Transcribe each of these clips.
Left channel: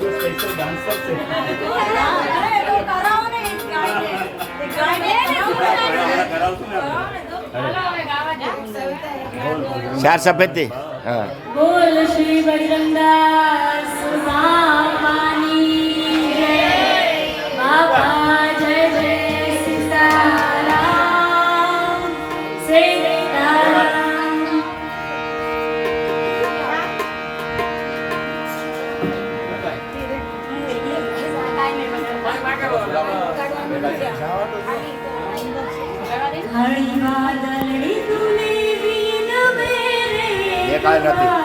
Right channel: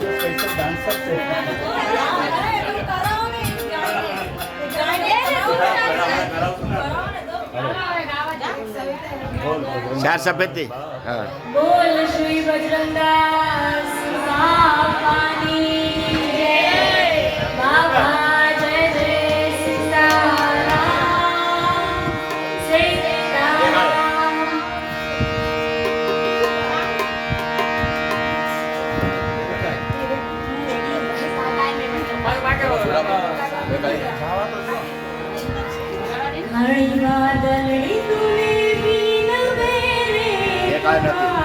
जो special dancer से चार सफेद थी बोल श्री बजरंगदास पानी जय बाबा जय जय सीताराम હળિયા દલડી તુલી બીન બેરે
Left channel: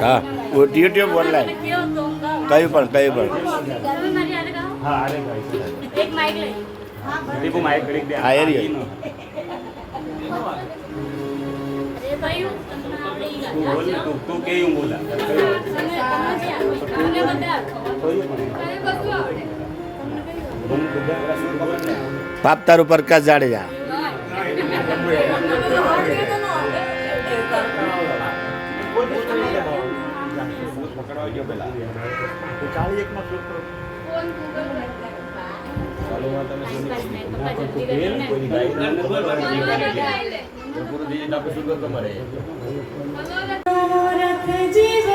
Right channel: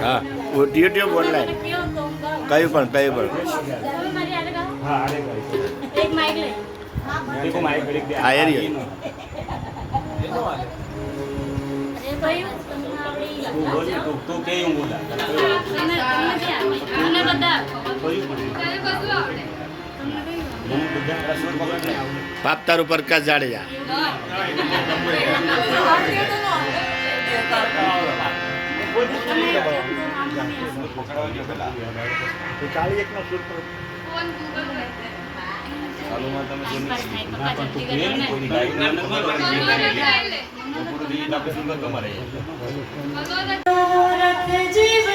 હા. કયું પણ કયું પણ? હા પાપતાર ઉપર કસ જાડેજા. ચાલી એક માં શૂટ કરો તમારે જીવ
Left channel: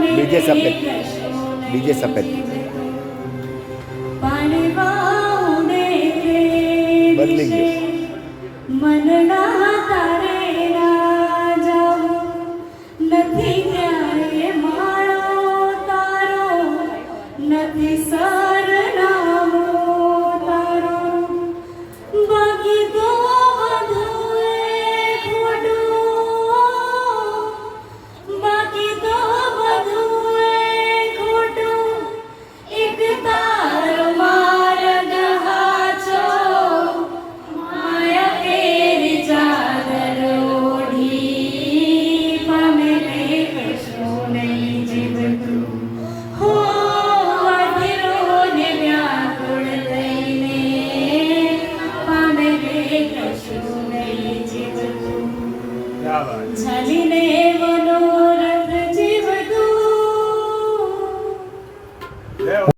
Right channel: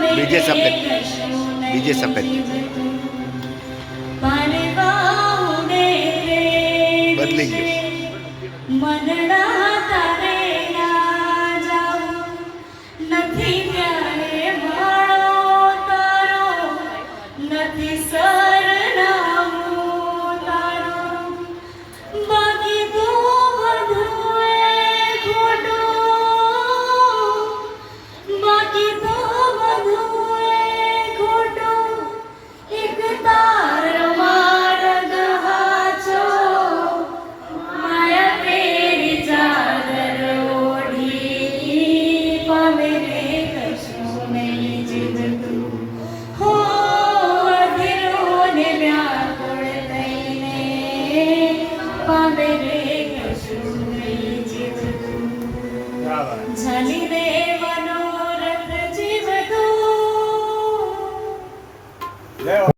બીજે સફેદ. બીજે સફેદ. બદલી ગયું. નથી ત્યારે નથી 잘이네